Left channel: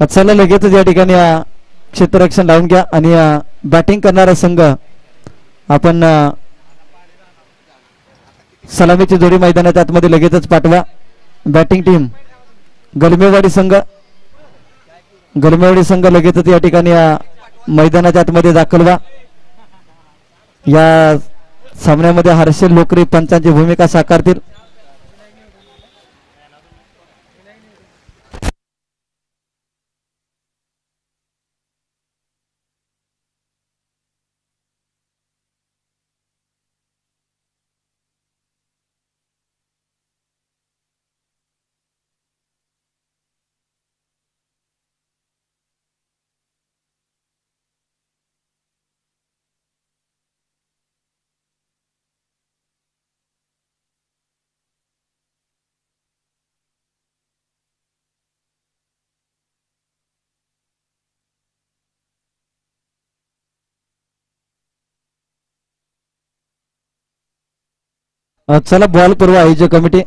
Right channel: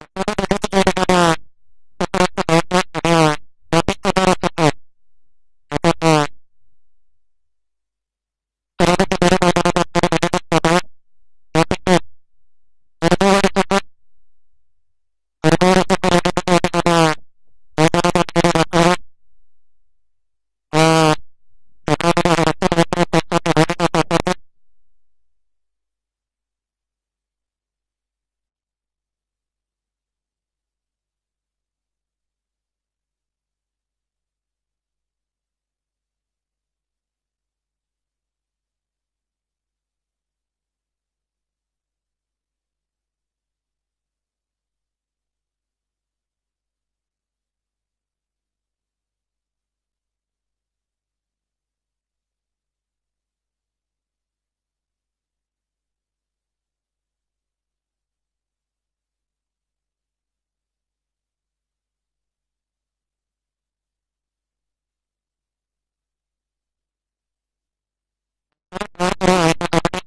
चला लगेचच या ठिकाणी क्षेत्ररक्षण लावून घ्या आणि बॅटिंग करणारा संघ आपण सलामीची जोडी मैदानात आतमध्ये लगेचच पाठवा. बॅटिंग टीम गरमेवाडी संघ लगेचच या ठिकाणी मैदानाच्या आतमध्ये दाखल व्हा. या सामन्यामध्ये हर्षल लोकरे पंचांची भूमिका साकारतील. चला बॉल पूर्व आयोजक कमिटी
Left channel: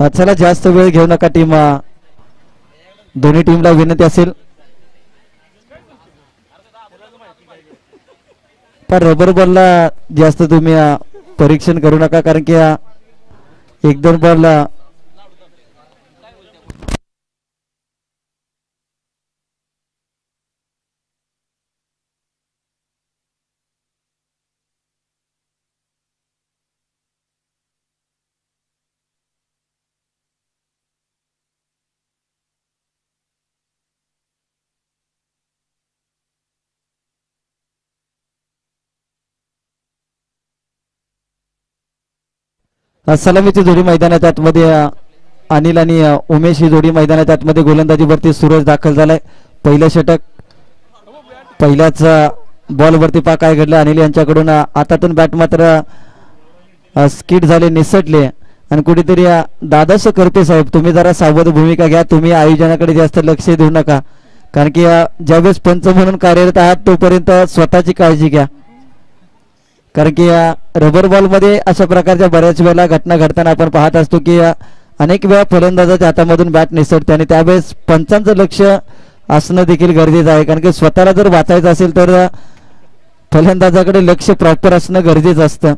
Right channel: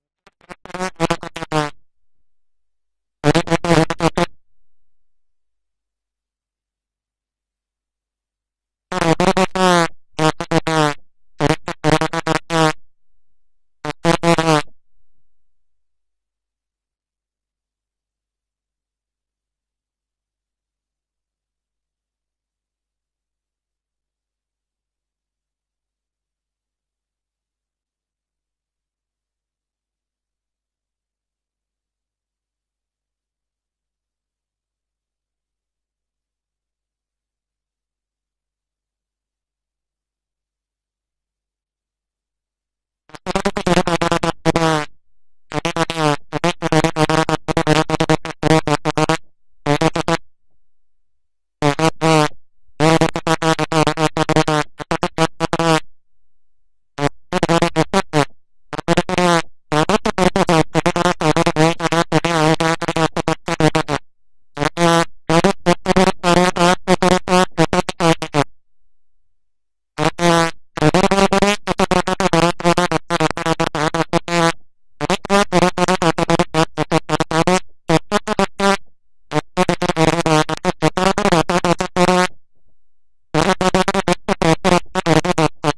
चला जास्त वेळ घेऊ नका. टीम दोन्ही टीमला विनंती असेल पण रबर बॉलला जास्त तुम्ही परीक्षण करू नका कारण की एक दोन बॉल सलामीची जोडी मैदानाच्या आतमध्ये अनिल आणि उमेश ही जोडी मैदानाच्या आतमध्ये गोलंदाजीवरती सूरज दाखल झालाय. पहिलं षटक पहिल्याच बॉलवरती पा काय घडलं अनिल यांच्याकडून हातातून बॅट मात्र स्किड झाले निसटले आणि कुठेतरी दादास करते साहेब तुम्ही जरा सावध भूमिका घ्या. तुम्ही आयोजनाकडे जास्त लक्ष देऊ नका कारण की ज्यावेळेस पंच म्हणून कार्यरत आहात तोपर्यंत स्वतःची काळजी घ्या कारण की रबर बॉल मध्ये अशा प्रकारच्या बऱ्याच वेळेला घटना घडताना आपण पाहत असतो की अनेक वेळा फलंदाजाच्या हातामधून बॅट निसटते आणि त्यावेळेस पंचांचं लक्ष असणं देखील गरजेचं आहे कारण की स्वतःला जर वाचायचं असेल तर फलंदाजाकडे लक्ष प्रॉपर असणं गरजेचं असतं.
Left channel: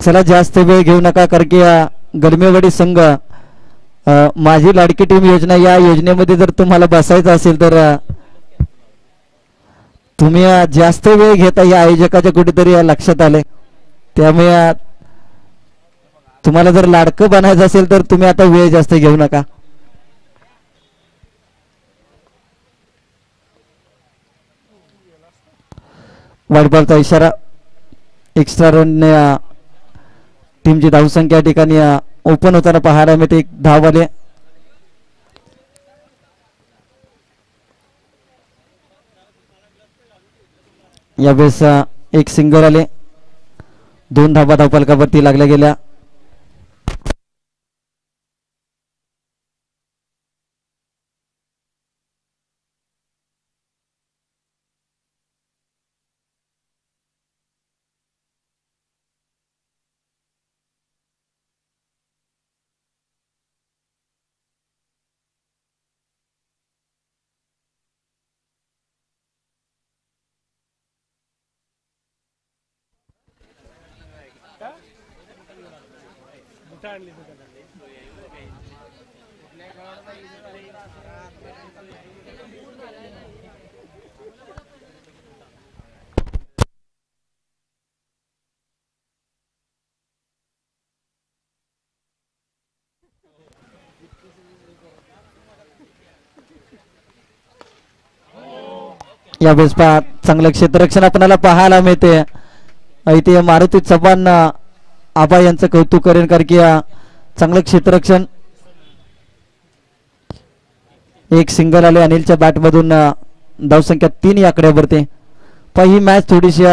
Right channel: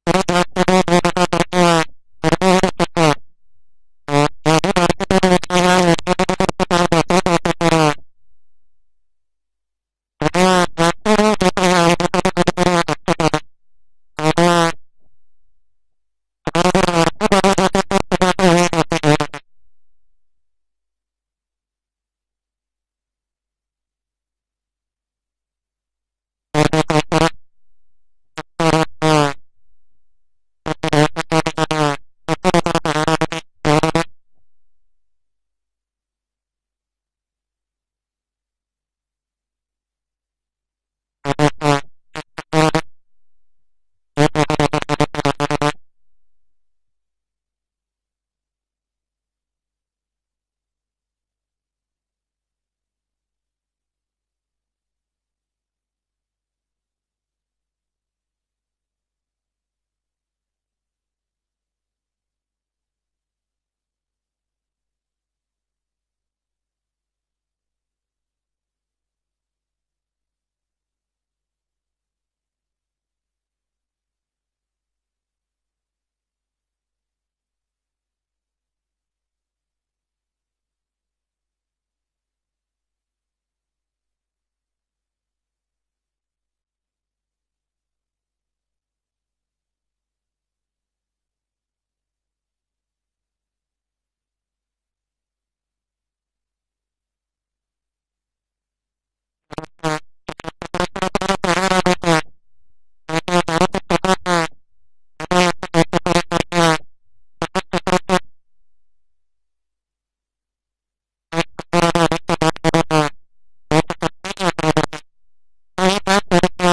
चला जास्त वेळ घेऊ नका कारण की गडमेवाडी संघ माझी लाडकी टीम योजना या योजनेमध्ये जर तुम्हाला बसायचं असेल तर तुम्ही जास्त वेळ घेता या आयोजकाच्या कुठेतरी लक्षात आले. त्यामुळे तुम्हाला जर लाडकं बनायचं असेल तर तुम्ही आता वेळ जास्त घेऊ नका. वाईट बॉलचा इशारा. एक्स्ट्रा रन टीमची धावसंख्या ठिकाणी ओपन होताना पाहायला मिळते. एक धाव आले. यावेळेस एक सिंगल आले. 2 धावा धावफलकावरती लागल्या गेल्या. यावेळेस पहा चांगलं क्षेत्ररक्षण आपल्याला पाहायला मिळते. इथे मारुती चव्हाण आबा यांचं कौतुक करेन कारण की चांगलं क्षेत्ररक्षण. एक सिंगल आले अनिलच्या बॅट मधून. धावसंख्या 3 या आकड्यावरती. पण ही मॅच थोडीशी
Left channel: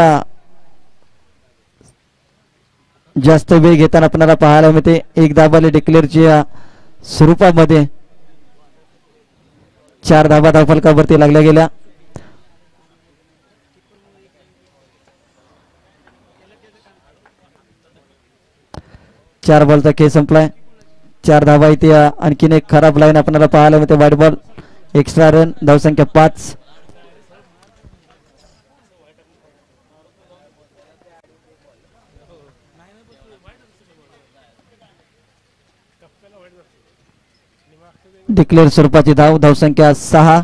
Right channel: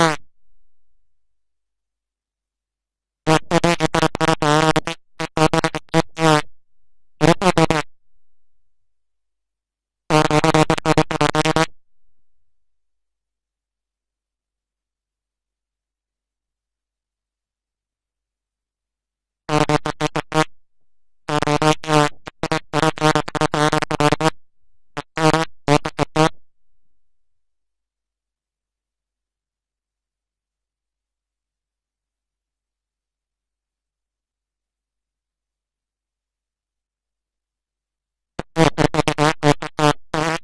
जास्त वेग घेताना आपल्याला पाहायला मिळते. एक धाबाले डिक्लेअरच्या स्वरूपामध्ये 4 धाबा धावफलकावरती लागल्या गेल्या. चार बॉलचा खेळ संपलाय. 4 धाबा इथे. आणखीन एक खराब लाईन आपल्याला पाहायला मिळते. वाईट बॉल एक्स्ट्रा रन. धावसंख्या 5. डिक्लेअर स्वरूपाची धाव. धावसंख्या 6.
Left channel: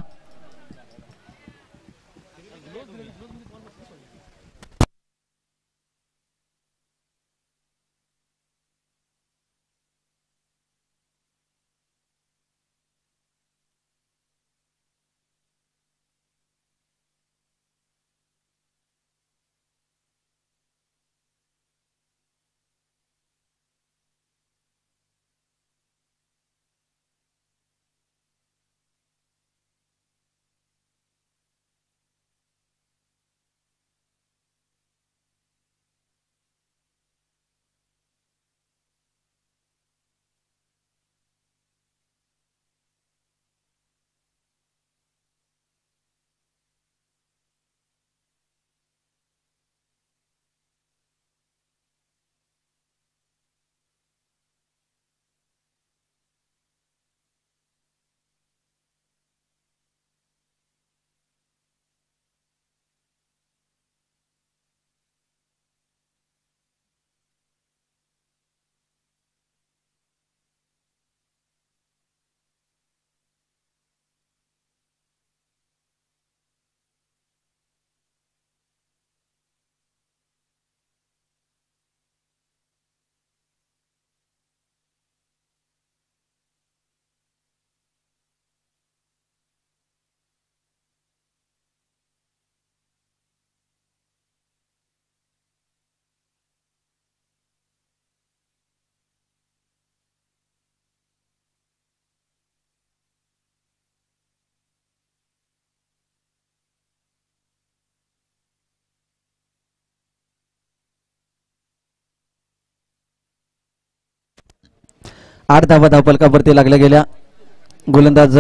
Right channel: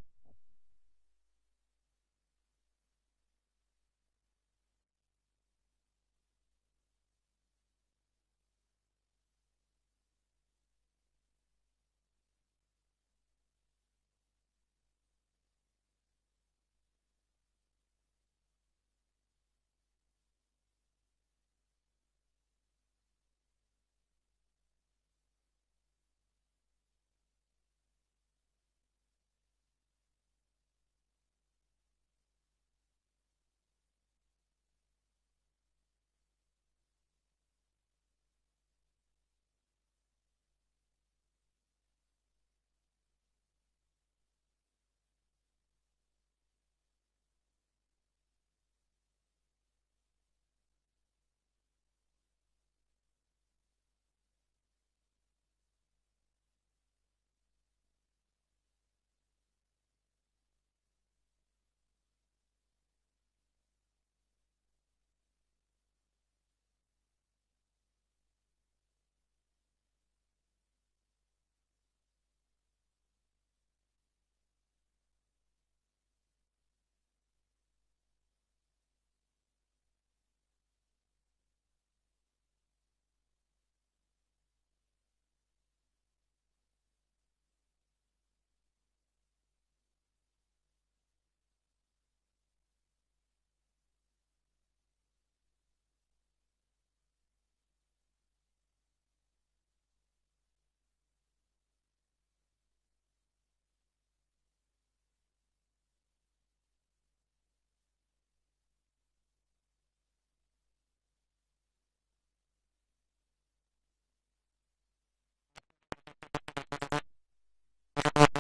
आठ धाबा धावफलकावरती लागल्या गेल्या. गोलंदाज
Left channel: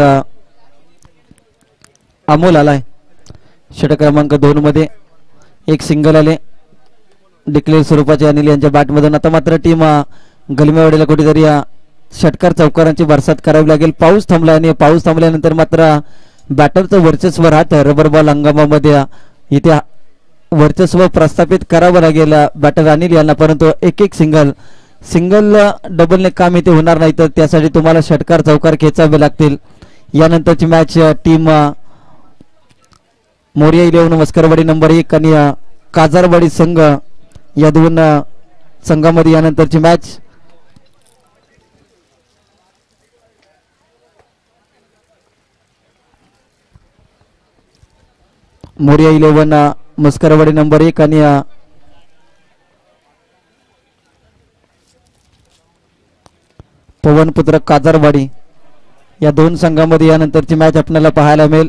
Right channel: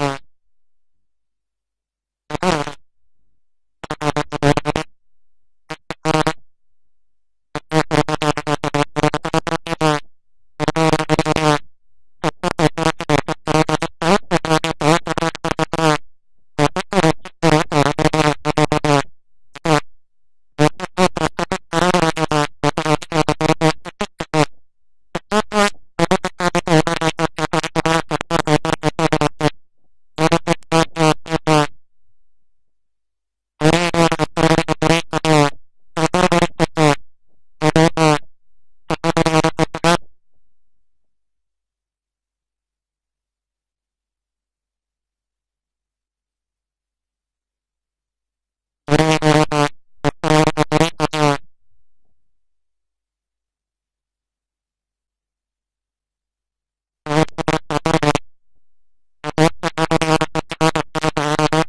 अमोल आलाय षटक क्रमांक 2 मध्ये. एक सिंगल आले डिक्लेअर स्वरूपाचे अनिल यांच्या बॅटमधून. आता मात्र टीम गलमेवाडीला कुठेतरी षटकार चौकारांची बरसात करावी लागेल. पाऊस थांबला आणि पाऊस थांबल्यानंतर मात्र बॅटरचं वर्चस्व राहतं. रबर बॉल हंगामामध्ये इथे वर्चस्व प्रस्थापित करावं लागेल बॅटर अनिल यांना. परंतु एक एक सिंगल डबलने काम इथे होणार नाही. तर त्यासाठी तुम्हाला षटकार चौकार खेचावे लागतील. यानंतरची मॅच टीम मोरिया 11 मस्करवाडी नंबर 1 आणि काजारवाडी संघ या दोन संघामध्ये यानंतरची मॅच. मोरिया 11 मस्करवाडी नंबर 1 आणि पवनपुत्र काजारवाडी या दोन संघांमध्ये यानंतरची मॅच आपल्याला पाहायला मिळेल.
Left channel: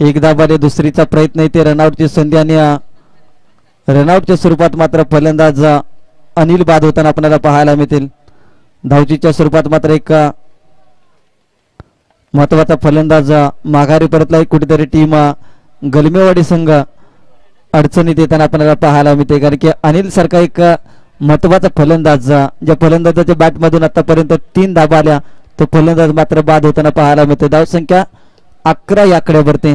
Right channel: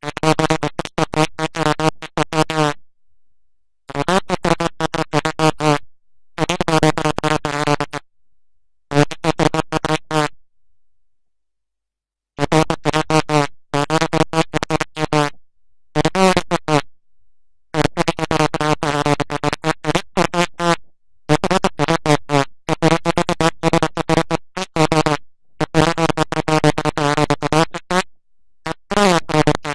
एकदा बारे दुसरीचा प्रयत्न येते. रनआउटची संधी आणि रनआउटच्या स्वरूपात मात्र फलंदाज अनिल बाद होताना आपल्याला पाहायला मिळतील. धावचीच्या स्वरूपात मात्र एक महत्वाचा फलंदाज माघारी परतला. कुठेतरी टीम गलमेवाडी संघ अडचणीत येताना आपल्याला पाहायला मिळते. कारण की अनिल सारखा एक महत्वाचा फलंदाज ज्या फलंदाजाच्या बॅटमधून आतापर्यंत 3 धाबा आल्या तो फलंदाज मात्र बाद होताना पाहायला मिळते. धावसंख्या 11 या आकड्यावरती.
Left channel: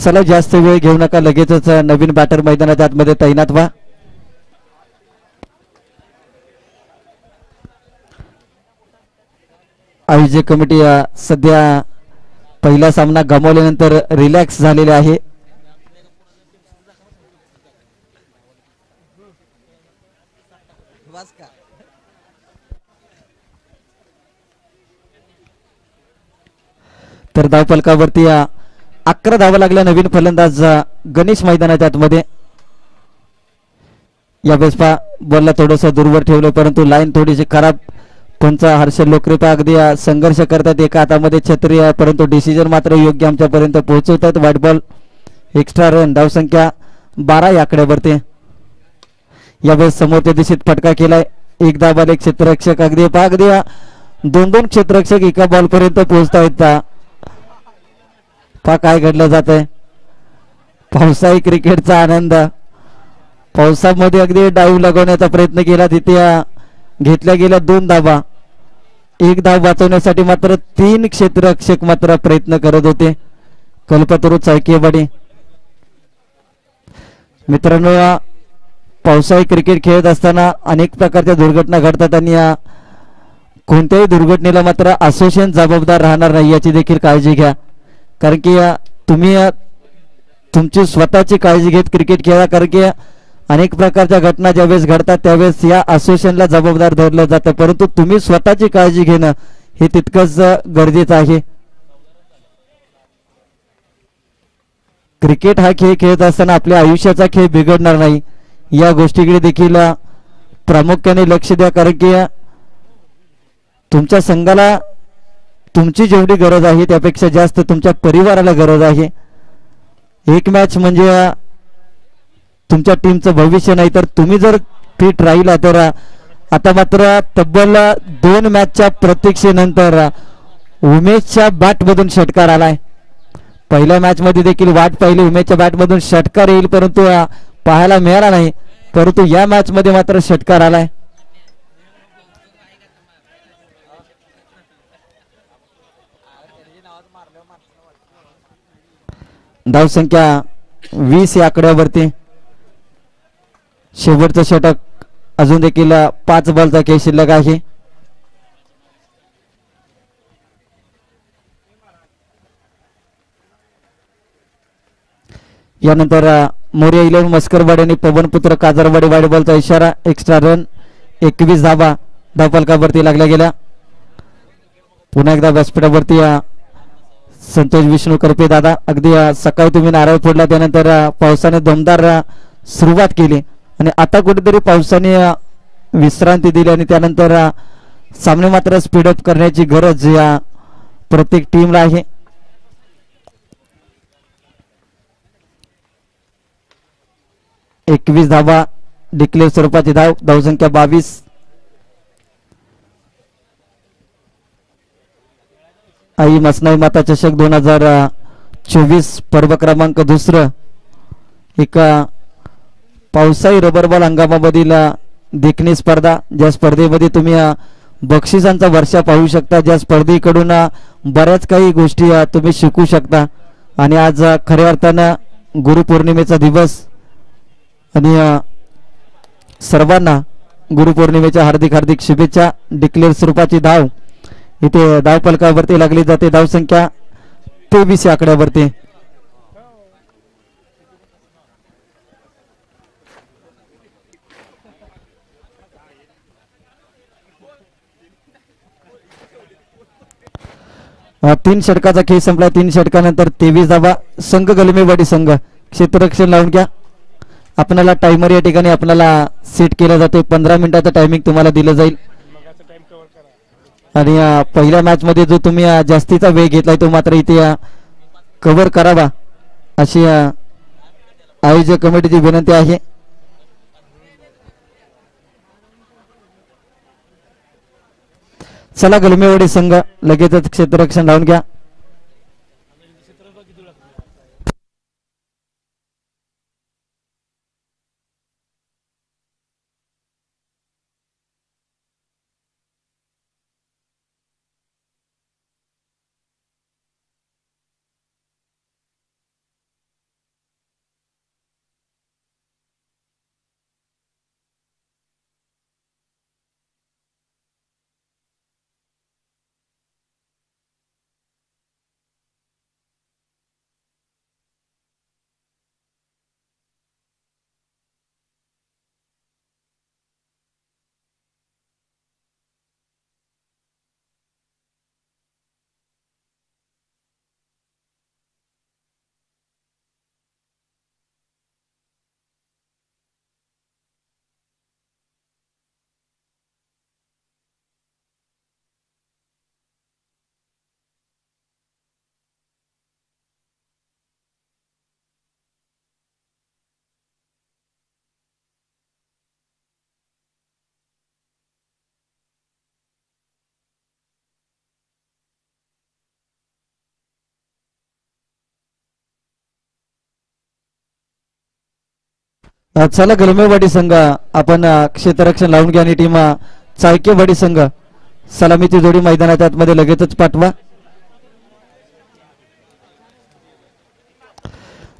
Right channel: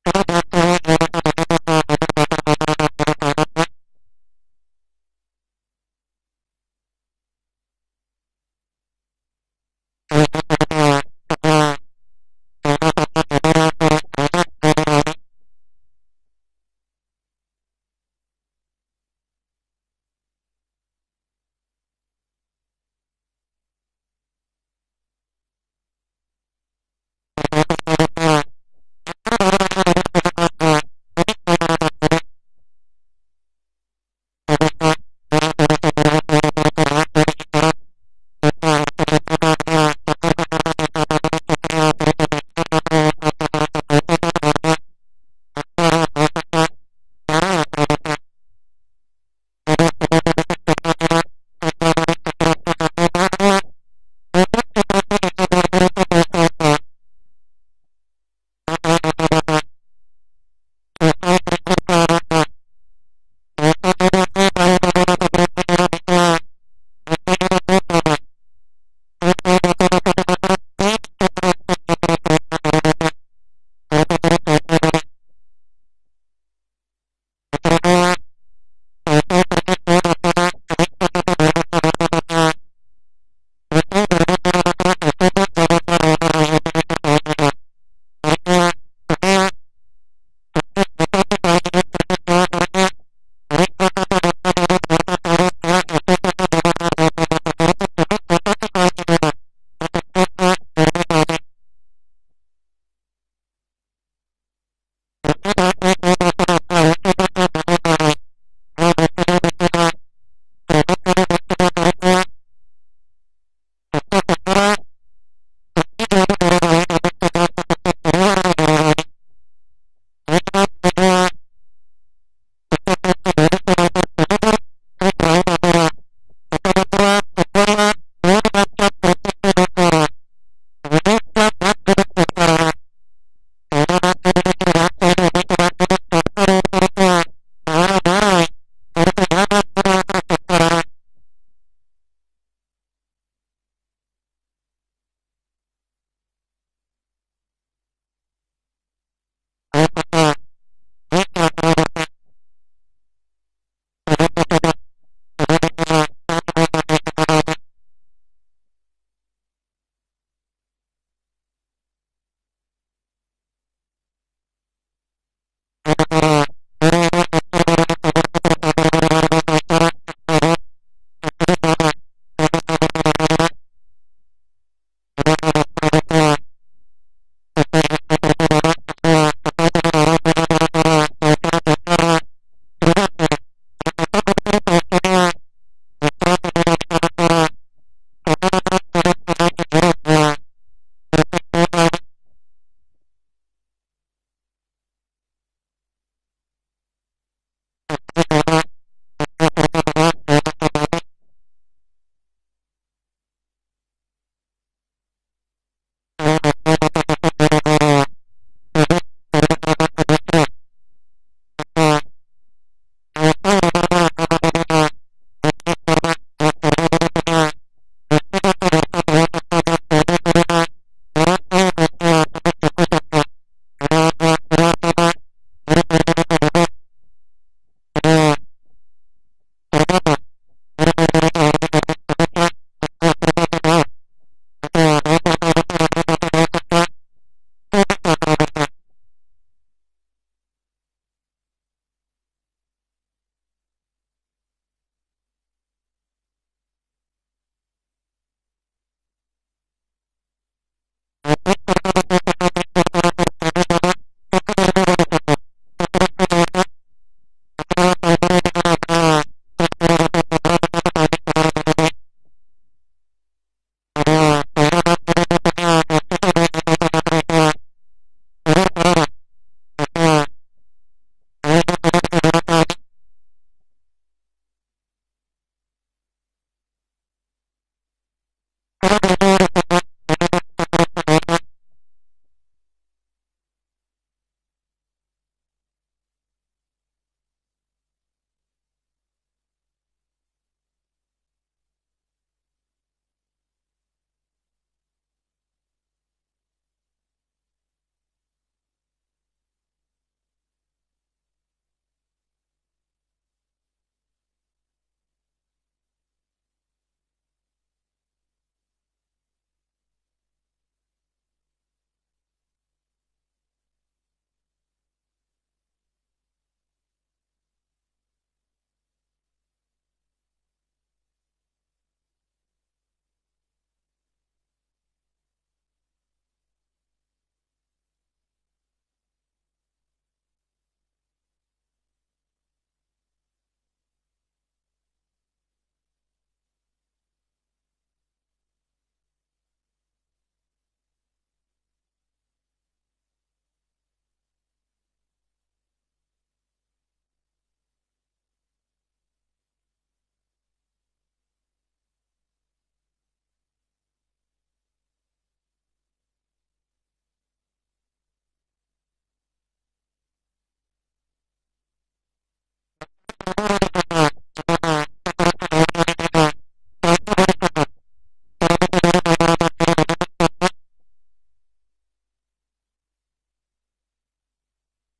चला जास्त वेळ घेऊ नका, लगेचच नवीन बॅटर मैदानाच्या आतमध्ये तैनात व्हा. आयोजक कमिटी सध्या पहिला सामना गमावल्यानंतर रिलॅक्स झालेले आहे. तर धावफलकावरती 11 धावा लागल्या. नवीन फलंदाज गणेश मैदानाच्या आतमध्ये. यावेळेस बॉलला थोडस दूरवर ठेवलं, परंतु लाईन थोडीशी खराब. कोणचा हर्षल लोकरेपा अगदी संघर्ष करतात, एका हातामध्ये छत्री, परंतु डिसिजन मात्र योग्य आमच्यापर्यंत पोहोचवत आहेत. व्हाईट बॉल, एक्स्ट्रा रन, धावसंख्या 12 या आकड्यावरती. यावेळेस समोरच्या दिशेत फटका केलाय. एक धावा, एक क्षेत्ररक्षक, अगदी अगदी 2-2 क्षेत्ररक्षक एका बॉल पर्यंत पोहोचतायत. काय घडलं जात आहे. पावसाळी क्रिकेटचा आनंद. पावसामध्ये अगदी डाव लगवण्याचा प्रयत्न केला, तिथे घेतल्या गेल्या 2 धावा. एक धाव वाचवण्यासाठी मात्र 3 क्षेत्ररक्षक मात्र प्रयत्न करत होते. कल्पतरू चायकेवाडी. मित्रांनो, पावसाळी क्रिकेट खेळत असताना अनेक प्रकारच्या दुर्घटना घडतात आणि कोणत्याही दुर्घटनेला मात्र असोसिएशन जबाबदार राहणार नाही याची देखील काळजी घ्या. कारण की तुम्ही तुमची स्वतःची काळजी घेत क्रिकेट खेळा. कारण की अनेक प्रकारच्या घटना ज्यावेळेस घडतात त्यावेळेस या असोसिएशनला जबाबदार धरलं जातं, परंतु तुम्ही स्वतःची काळजी घेणं हे तितकंच गरजेचं आहे. क्रिकेट हा खेळ खेळत असताना आपल्या आयुष्याचा खेळ बिघडणार नाही या गोष्टीकडे देखील प्रामुख्याने लक्ष द्या. कारण की तुमच्या संघाला तुमची जेवढी गरज आहे त्यापेक्षा जास्त तुमच्या परिवाराला गरज आहे. एक मॅच म्हणजे तुमच्या टीमचं भविष्य नाही, तर तुम्ही जर फिट राहिला तर आता मात्र तब्बल 2 मॅचच्या प्रतीक्षेनंतर उमेशच्या बॅटमधून षटकार आलाय. पहिल्या मॅच मध्ये देखील वाट पाहिली उमेशच्या बॅटमधून षटकार येईल, परंतु पाहायला मिळाला नाही. परंतु या मॅच मध्ये मात्र षटकार आलाय. धावसंख्या 20 या आकड्यावरती. शेवटचं षटक अजून देखील 5 बॉलचा खेळ शिल्लक आहे. यानंतर मोर्या 11 मस्करवाडी आणि पवनपुत्र काजरवाडी वाईड बॉलचा इशारा. एक्स्ट्रा रन, 21 धाबा धावफलकावरती लागल्या गेल्या. पुन्हा एकदा व्यासपीठावरती संतोष विष्णू करपे दादा. अगदी सकाळी तुम्ही नारळ फोडला, त्यानंतर पावसाने दमदार सुरुवात केली आणि आता कुठेतरी पावसाने विश्रांती दिली आणि त्यानंतर सामने मात्र स्पीडअप करण्याची गरज या प्रत्येक टीमला आहे. एकवीस धावा डिक्लेअर स्वरूपाची धाव. धावसंख्या 22. आई मसनाई माता चषक 2024 पर्व क्रमांक 2. एक पावसाळी रबर बॉल हंगामामधील देखणी स्पर्धा. ज्या स्पर्धेमध्ये तुम्ही बक्षिसांचा वर्षा पाहू शकता, ज्या स्पर्धेकडून बऱ्याच काही गोष्टी तुम्ही शिकू शकता. आणि आज खऱ्या अर्थानं गुरुपौर्णिमेचा दिवस आणि सर्वांना गुरुपौर्णिमेच्या हार्दिक हार्दिक शुभेच्छा. डिक्लेअर स्वरूपाची धाव इथे धाव फलकावरती लागली जाते. धावसंख्या 23 या आकड्यावरती. तीन षटकाचा खेळ संपला. 3 षटकानंतर 23 धावा. संघ गलमेवाडी संघ क्षेत्ररक्षण लावून घ्या. आपल्याला टायमर या ठिकाणी आपल्याला सेट केलं जाते. 15 मिनिटाचं टायमिंग तुम्हाला दिलं जाईल. आणि पहिल्या मॅच मध्ये जो तुम्ही जास्तीचा वेळ घेतलाय तो मात्र इथे कव्हर करावा अशी आयोजक कमिटीची विनंती आहे. चला गलमेवाडी संघ लगेचच क्षेत्ररक्षण लावून घ्या. चला गलमेवाडी संघ आपण क्षेत्ररक्षण लावून घ्या आणि टीम चाळकेवाडी संघ सलामीची जोडी मैदानाच्या आतमध्ये लगेचच पाठवा.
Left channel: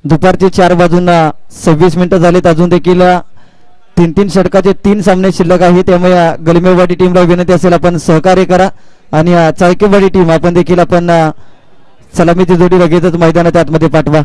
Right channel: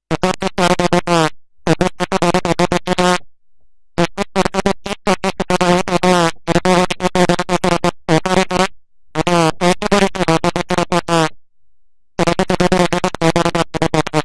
दुपारचे 4 वाजून 26 मिनिटं झालेत. अजून देखील 3-3 षटकाचे 3 सामने शिल्लक आहेत. त्यामुळे गलमेवाडी टीमला विनंती असेल आपण सहकार्य करा आणि चाळकेवाडी टीम आपण देखील आपण सलामीची जोडी लगेचच मैदानाच्या आतमध्ये पाठवा.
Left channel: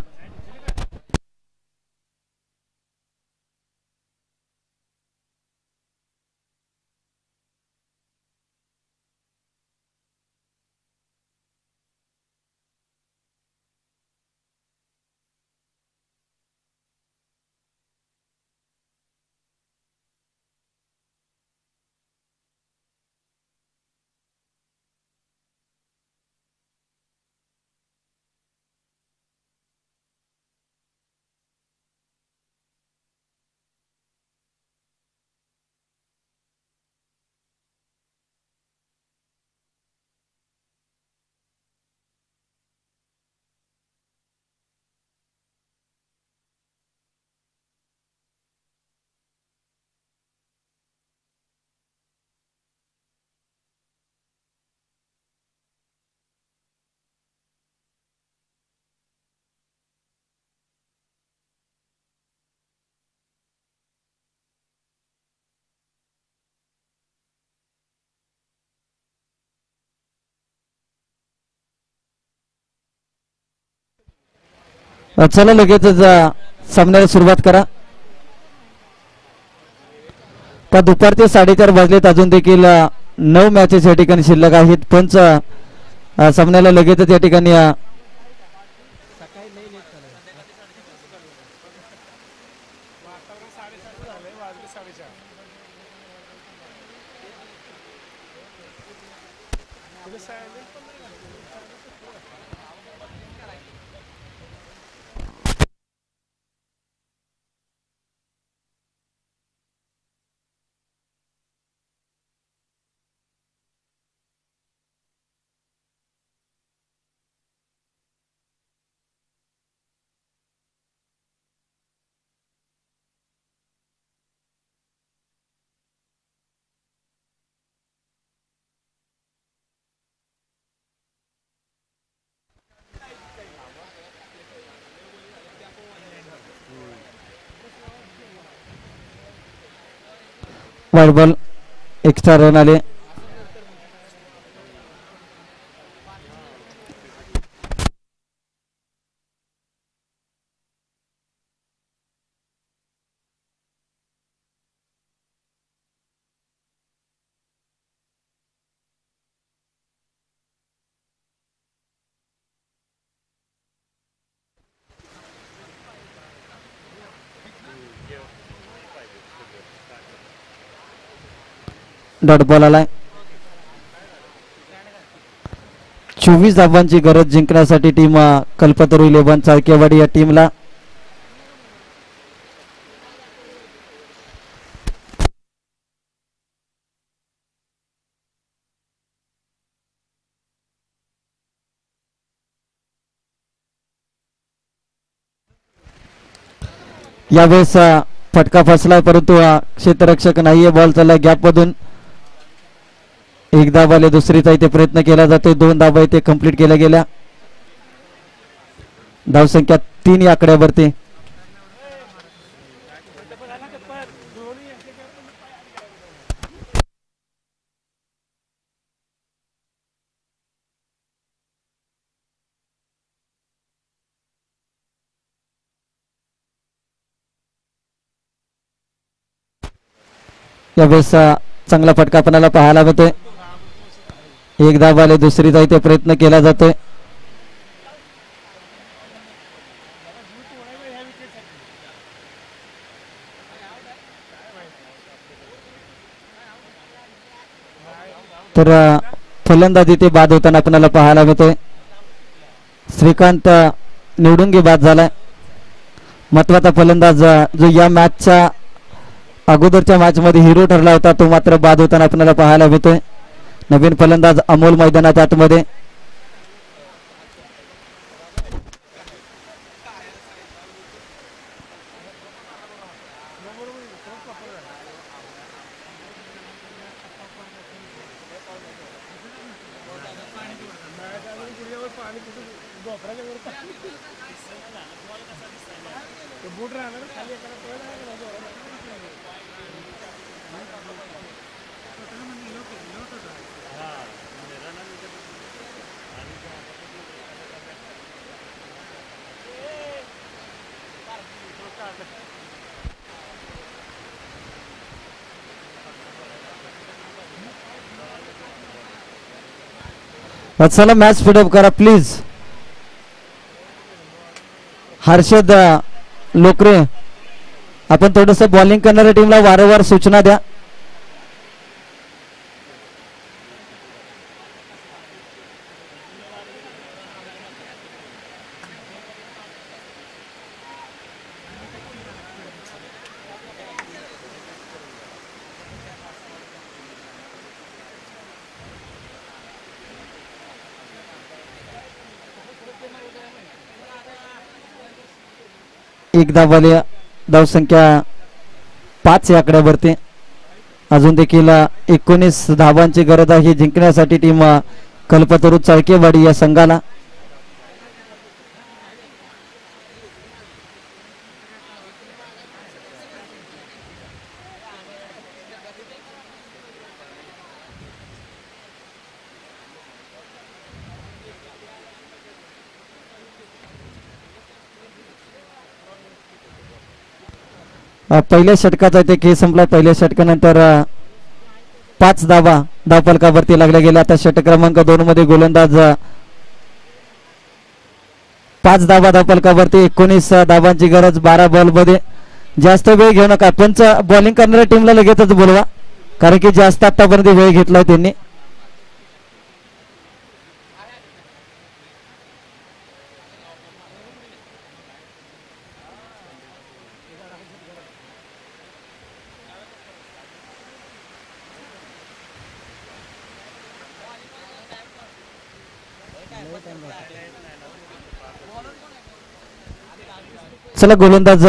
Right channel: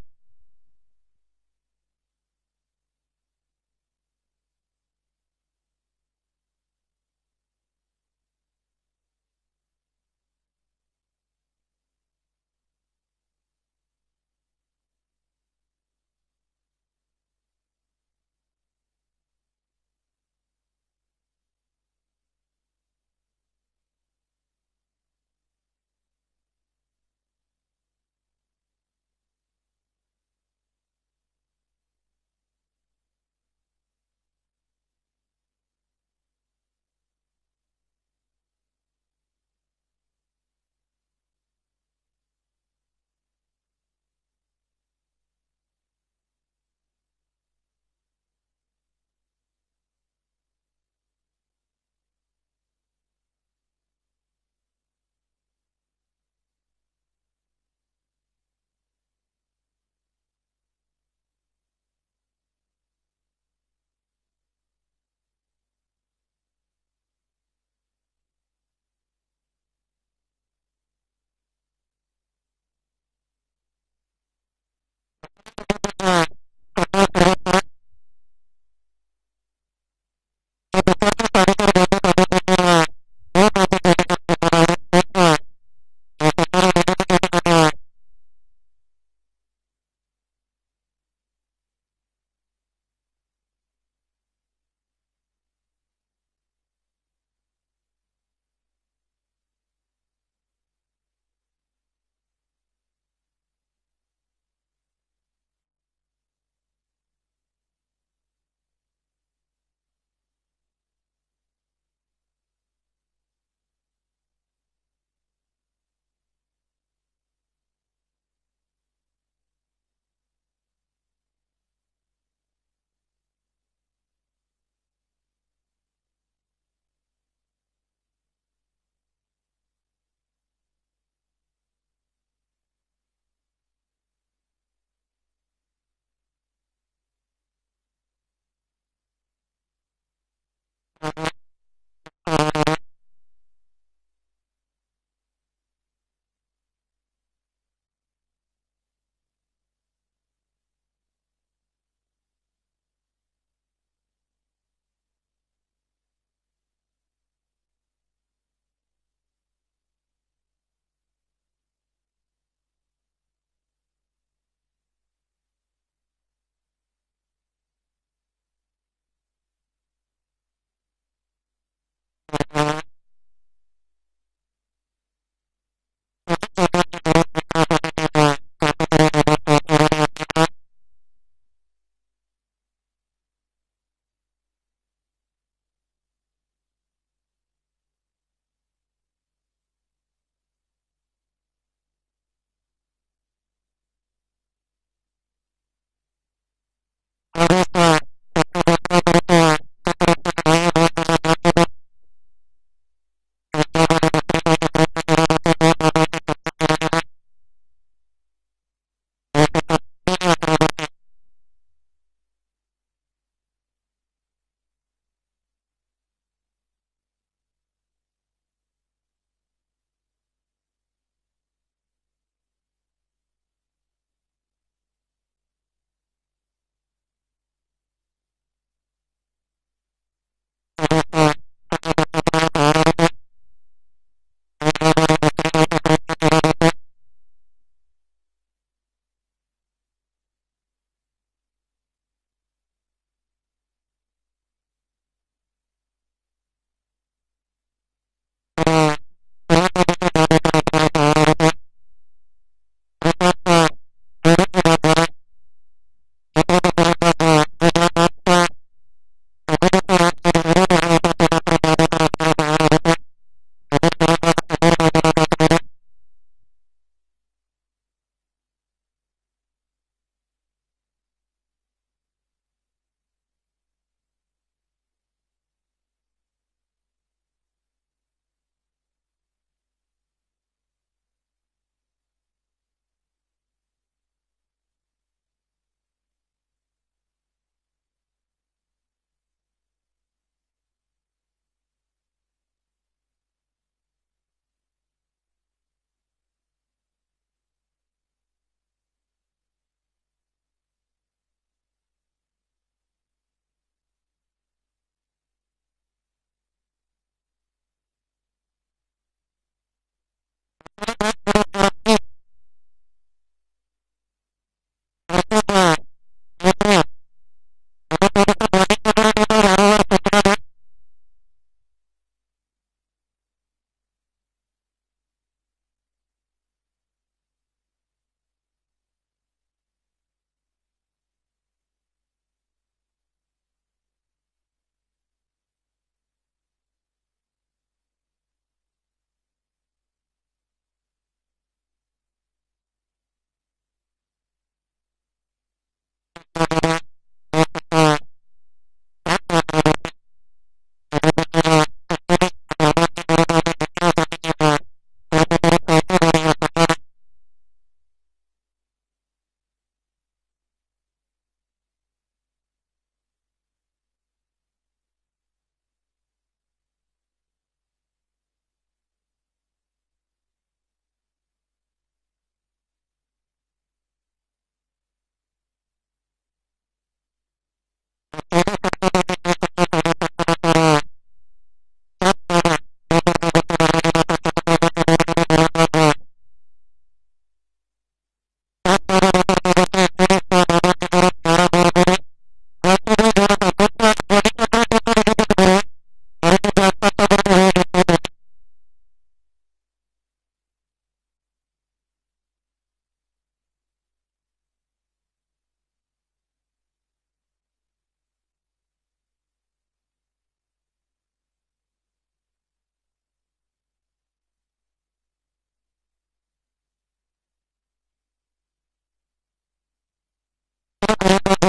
चला लगेचच सामन्याला सुरुवात करा. का दुपारचे 4:30 वाजलेत. अजून देखील 9 मॅचेस या ठिकाणी शिल्लक आहेत. पंच सामन्याला लगेचच या ठिकाणी वाईड बॉल एक्स्ट्रा रन आले. डॉट बॉल आलाय. 24 धावांची गरज जिंकण्यासाठी टीम कल्पतरू 11 चाळकेवाडी या टीमला. यावेळेस फटका फसला परंतु क्षेत्ररक्षक नाहीये. बॉल चालला गॅप मधून. एक धाव आले. दुसरीचा इथे प्रयत्न केला जातोय. 2 धावा इथे कंप्लीट केल्या गेल्या. धावसंख्या 3 या आकड्यावरती. यावेळेस चांगला फटका आपल्याला पाहायला मिळतोय. एक धाव आले. दुसरीचा इथे प्रयत्न केला जातोय. तर फलंदाजी ते बाद होताना आपल्याला पाहायला मिळतोय. श्रीकांत निवडुंगी बाद झालाय. महत्वाचा फलंदाज जो या मॅचच्या अगोदरच्या मॅच मध्ये हिरो ठरला होता तो मात्र बाद होताना आपल्याला पाहायला मिळतोय. नवीन फलंदाज अमोल मैदानाच्या आतमध्ये. चला मॅच स्पीडअप करा प्लीज. हर्षद लोकरे, आपण थोडस बॉलिंग करणाऱ्या टीमला वारंवार सूचना द्या. एक धावाले धावसंख्या 5 या आकड्यावरती. अजून देखील 19 धावांची गरज आहे जिंकण्यासाठी टीम कल्पतरू चाळकेवाडी या संघाला. पहिल्या षटकाचा इथे खेळ संपला. पहिल्या षटकानंतर 5 धावा धावफलकावरती लागल्या गेल्या. आता षटक क्रमांक 2 मध्ये गोलंदाज 5 धावा धावफलकावरती. 19 धावांची गरज 12 बॉल मध्ये. जास्त वेळ घेऊ नका. पंच बॉलिंग करणाऱ्या टीमला लगेचच बोलवा, कारण की जास्त आतापर्यंत वेळ घेतलाय त्यांनी. चला गोलंदाज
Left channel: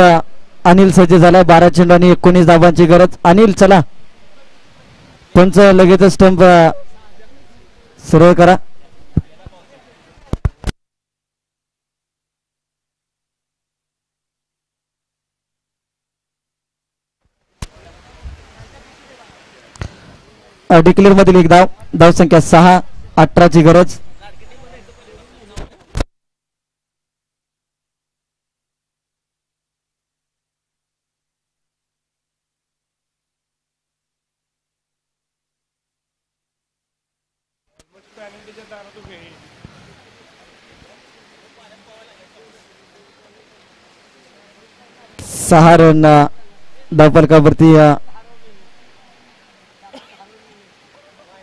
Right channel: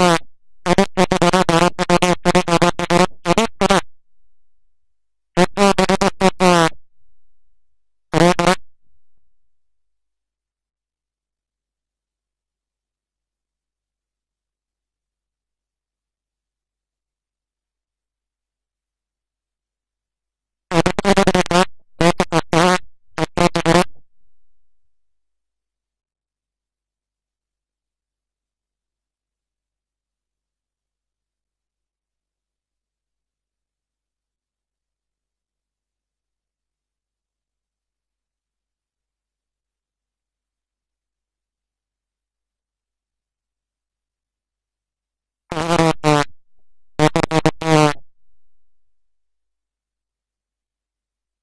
अनिल सज्ज झाला. 12 चेंडू आणि 19 धावांची गरज. अनिल चला, पंच लगेच स्टंप सरळ करा. डिक्लेअर मधील एक धाव. धावसंख्या 6, 18ची गरज. सहा रन धावफलकावरती.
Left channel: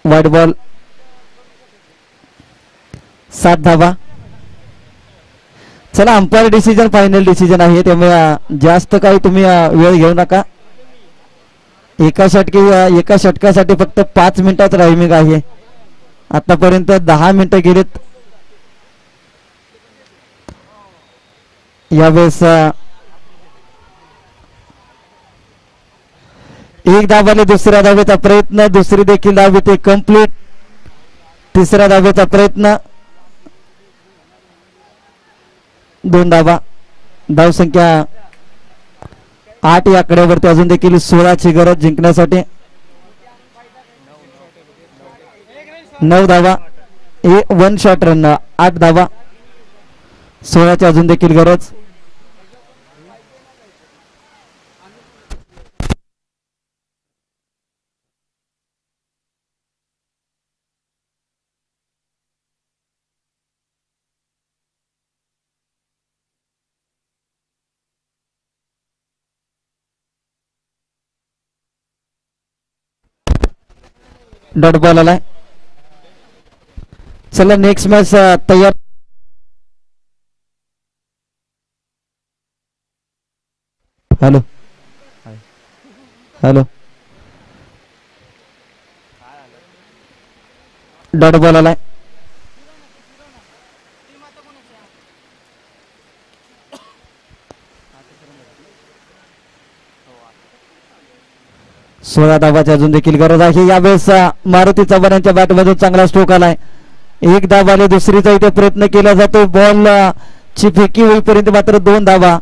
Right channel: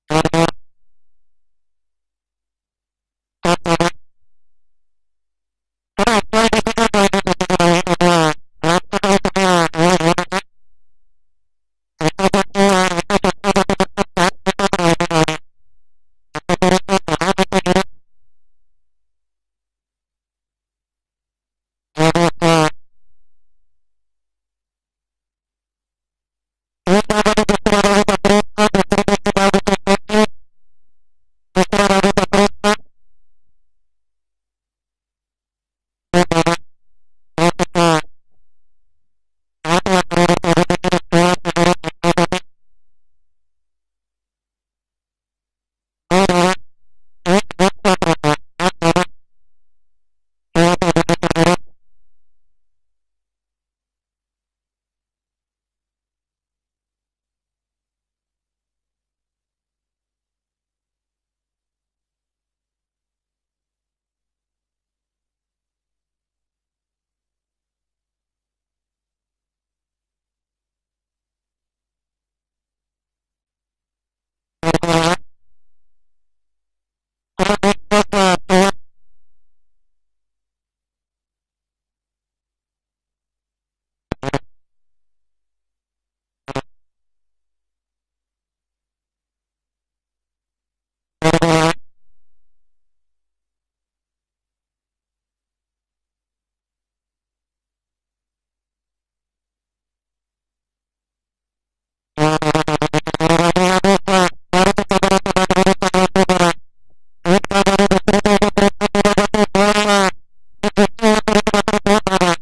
वाईट बॉल. 7 धावा. चला, अंपायर डिसिजन फायनल डिसिजन आहे, त्यामुळे जास्त काही तुम्ही वेळ घेऊ नका. एका षटकासाठी फक्त 5 मिनिटात टायमिंग आहे. आतापर्यंत 10 मिनिटं गेलेत. यावेळेस एक धावाने दुसऱ्या धावेचा प्रयत्न. दुसरी देखील धाव येते कंप्लीट. तिसऱ्या धावेचा प्रयत्न. 2 धावा. धावसंख्या 8 या आकड्यावरती. अजून देखील 16ची गरज जिंकण्यासाठी. 9 धावा. 1 शॉट रन. 8 धावा. 16ची अजून देखील गरज. डॉट बॉल आलाय. चला नेक्स्ट मॅच तयार. Hello hello. डॉट बॉल आलाय. 16 धाबाची अजून देखील गरज आहे. यावेळेस मारुती चव्हाण यांच्या बॅटमधून चांगला स्ट्रोक आलाय. एक धाबाने दुसरीचा इथे प्रयत्न केला जातो. बॉल ची फेकी होईपर्यंत मात्र 2 धाबा.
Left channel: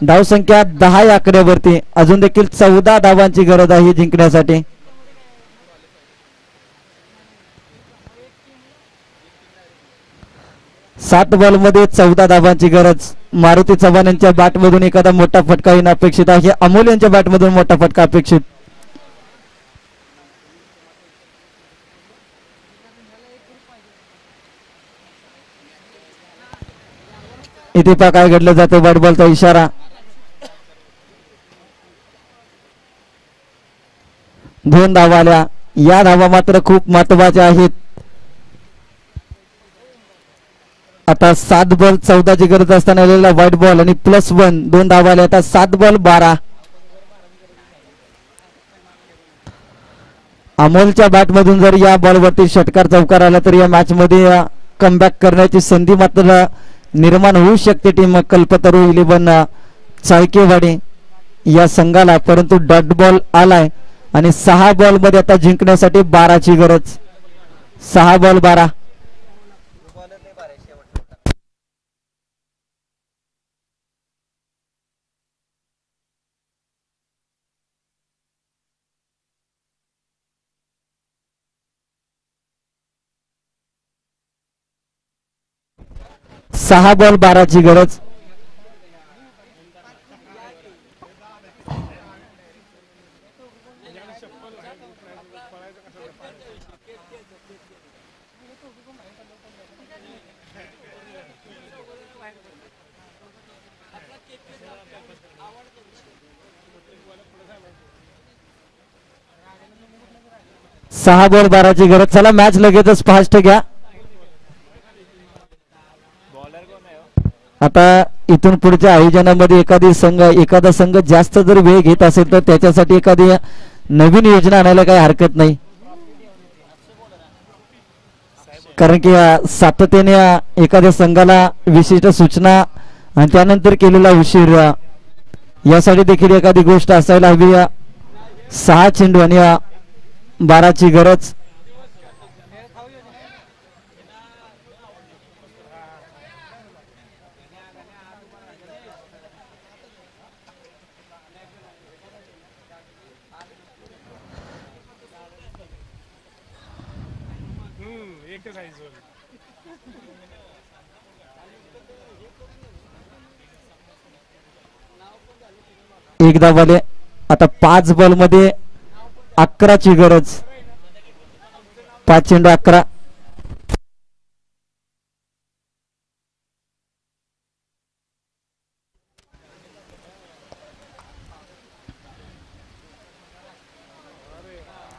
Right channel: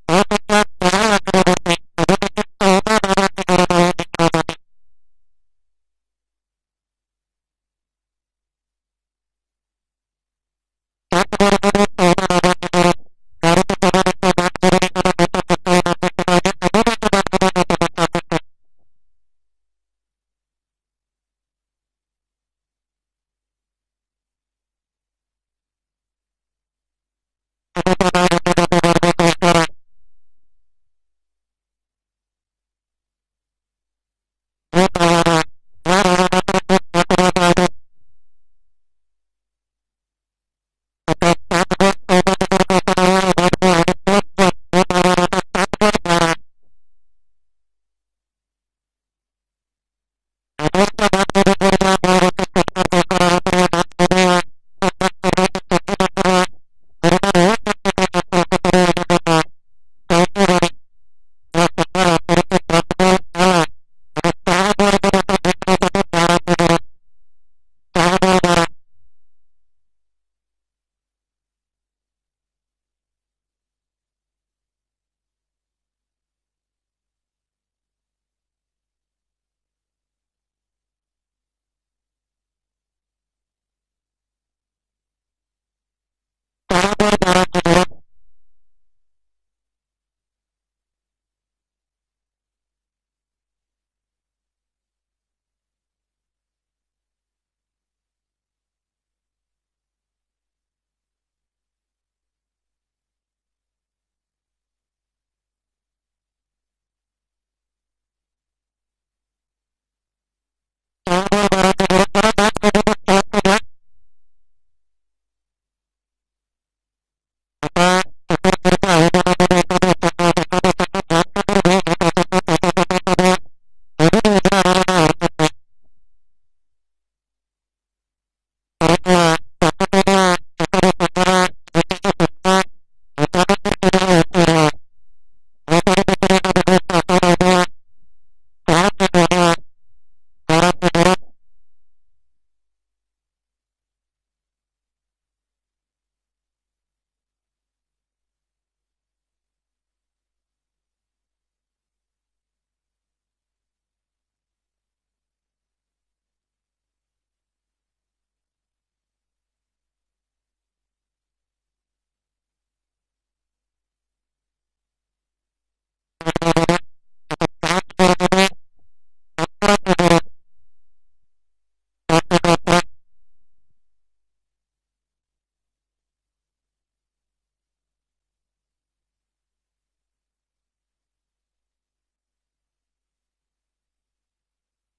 धावसंख्या 10 या आकड्यावरती. अजून देखील 14 धाबांची गरज आहे जिंकण्यासाठी. सात बॉल मध्ये 14 धाबांची गरज. मारुती चव्हाण यांच्या बॅटमधून एखादा मोठा फटका येणं अपेक्षित आहे. अमोल यांच्या बॅटमधून मोठा फटका अपेक्षित. इथे पहा काय घडलं जातं. बॅट बॉलचा इशारा. 2 धावा आल्या. या धावा मात्र खूप महत्वाच्या आहेत. आता 7 बॉल 14 ची गरज असताना व्हाईट बॉल आणि +1 2 धावा आल्या. आता 7 बॉल 12. अमोलच्या बॅटमधून जर या बॉलवरती षटकार चौकार आला तर या मॅच मध्ये कमबॅक करण्याची संधी मात्र निर्माण होऊ शकते टीम कल्पतरू 11 चाळकेवाडी या संघाला. परंतु डॉट बॉल आलाय आणि 6 बॉल मध्ये आता जिंकण्यासाठी 12 ची गरज. 6 बॉल 12. सहा बॉल 12 ची गरज. सहा बॉल 12 ची गरज. चला मॅच लगेचच फास्ट घ्या. आता इथून पुढच्या आयोजनामध्ये एखादा संघ जास्त जर वेळ घेत असेल तर त्याच्यासाठी एखादी नवीन योजना आणायला काही हरकत नाही. कारण की सातत्याने एखाद्या संघाला विशिष्ट सूचना आणि त्यानंतर केलेला उशीर यासाठी देखील एखादी गोष्ट असायला हवी. 6 चेंडू आणि 12 ची गरज. एकदा बॉले. आता 5 बॉल मध्ये 11 ची गरज. 5 चेंडू 11.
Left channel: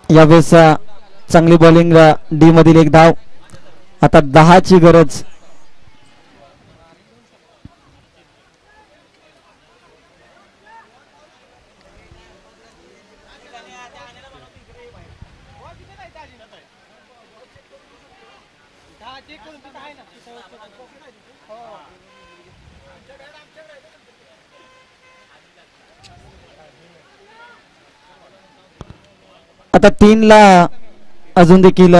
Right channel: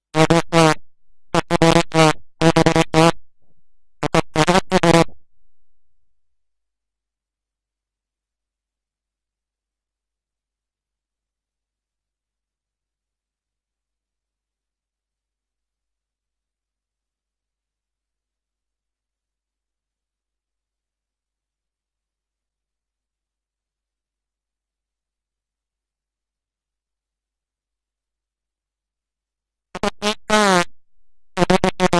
यावेळेस चांगली बॉलिंग डी मधील 1 धाव. आता 10 ची गरज. आता 3 ला अजून देखील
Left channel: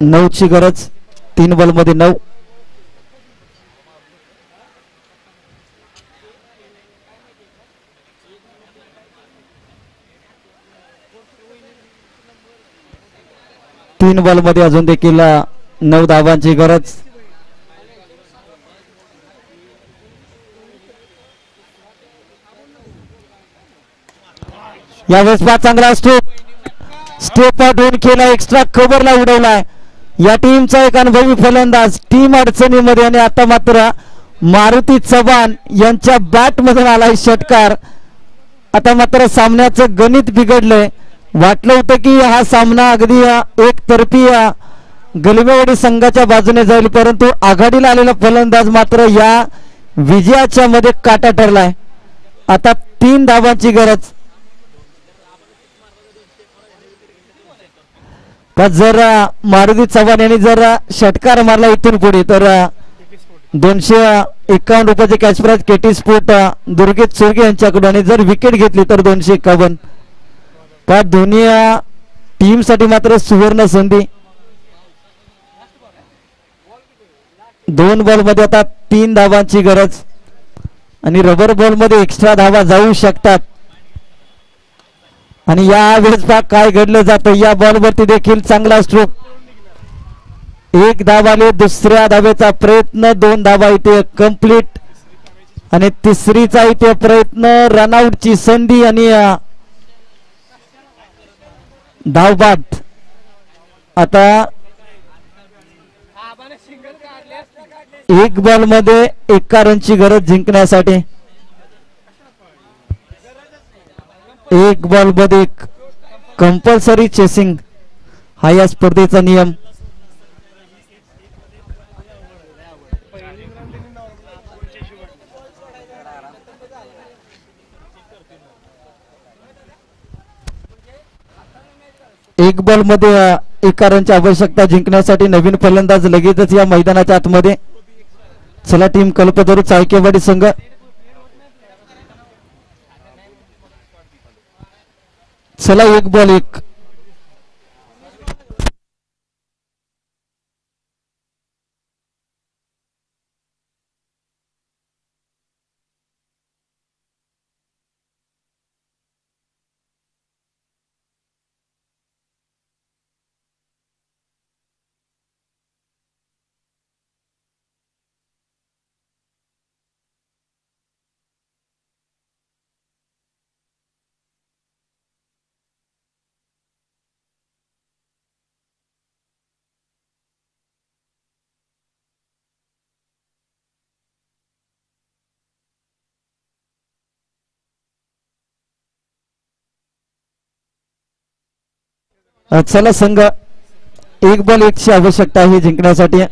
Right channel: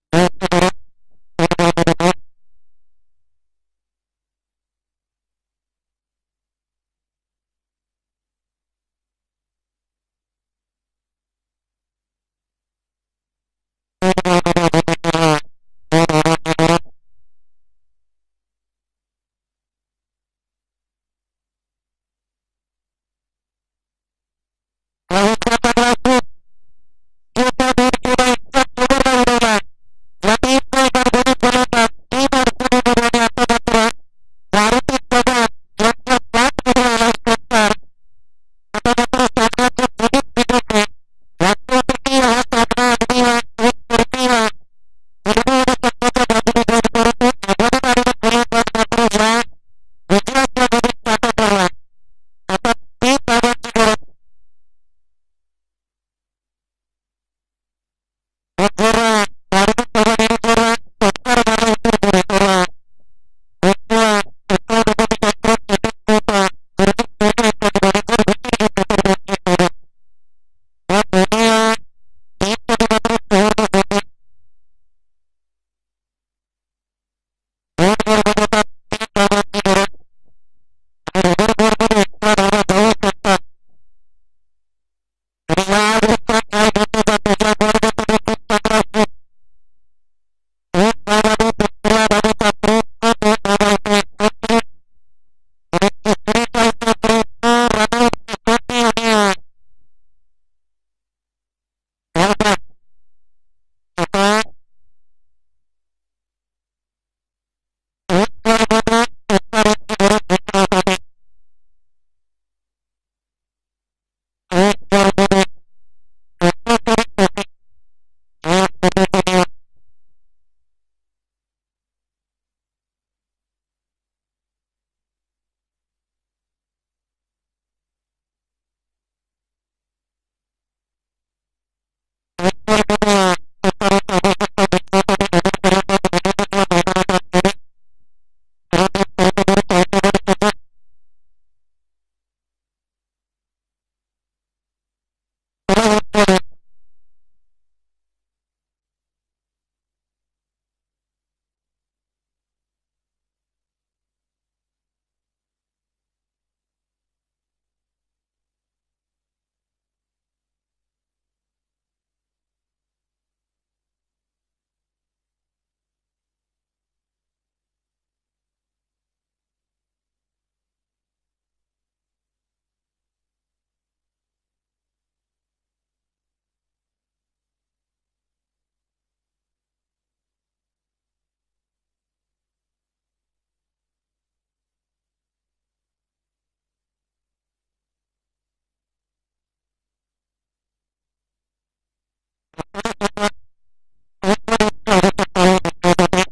9 ची गरज. 3 बॉल मध्ये 9. तीन बॉल मध्ये अजून देखील 9 धावांची गरज. यावेळेस चांगला स्ट्रोक आउट होऊन केला. एक्स्ट्रा कव्हरला उडवलाय. या टीमचा एक अनुभवी फलंदाज. टीम अडचणीमध्ये आणि आता मात्र मारुती चव्हाण यांच्या बॅट मधून आलाय षटकार. आता मात्र सामन्याचं गणित बिघडलंय. वाटलं होतं की हा सामना अगदी एकतर्फी गलिमेवाडी संघाच्या बाजूने जाईल, परंतु आघाडीला आलेला फलंदाज मात्र या विजयाच्या मध्ये काटा ठरलाय. आता 3 धावांची गरज. जर मारुती चव्हाण यांनी जर षटकार मारला इथून पुढे तर 51 रुपयाचे cash prize KT sport Durgesh Chorge यांच्याकडून आणि जर विकेट घेतली तर 251. त्या दोन्ही टीम साठी मात्र सुवर्ण संधी. 2 बॉल मध्ये आता 3 धावांची गरज आणि रबर बॉल मध्ये एक्स्ट्रा धावा जाऊ शकतात. आणि या वेळेस काय घडलं जातं, या बॉल वरती देखील चांगला स्ट्रोक. 1 धाव आले, दुसऱ्या धावेचा प्रयत्न, 2 धावा इथे कंप्लीट आणि तिसरीचा इथे प्रयत्न, रनआउटची संधी आणि धावबाद. आता 1 बॉल मध्ये 1 रनची गरज जिंकण्यासाठी. 1 बॉल मध्ये कंपल्सरी चेसिंग हा या स्पर्धेचा नियम. एक बॉल मध्ये 1 रनची आवश्यकता जिंकण्यासाठी नवीन फलंदाज लगेचच या मैदानाच्या आतमध्ये. चला टीम कल्पतरू चाळकेवाडी संघ. चला 1 बॉल 1. चला संघ 1 बॉल 1 ची आवश्यकता आहे जिंकण्यासाठी.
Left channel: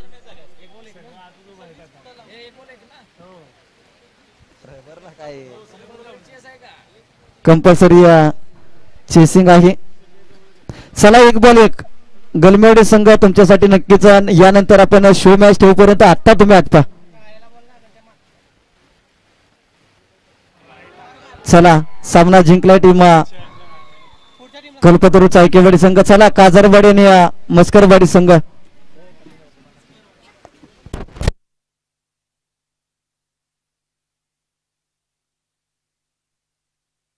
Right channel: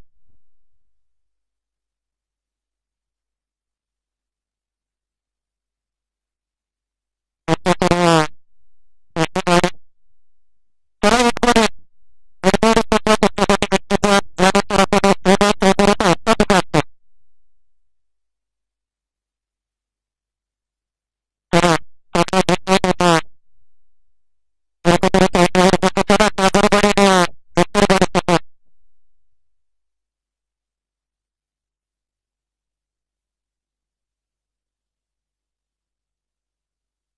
कंपल्सरी चेसिंग आहे. चला 1 बॉल 1. गलमेडे संघ तुमच्यासाठी नक्कीच. यानंतर आपण शो मॅच ठेवूपर्यंत आता तुम्ही आटपा. चला सामना जिंकलाय टीम कल्पतरू चाळकेवाडी संघ. चला काजरवाडी आणि मस्करवाडी संघ.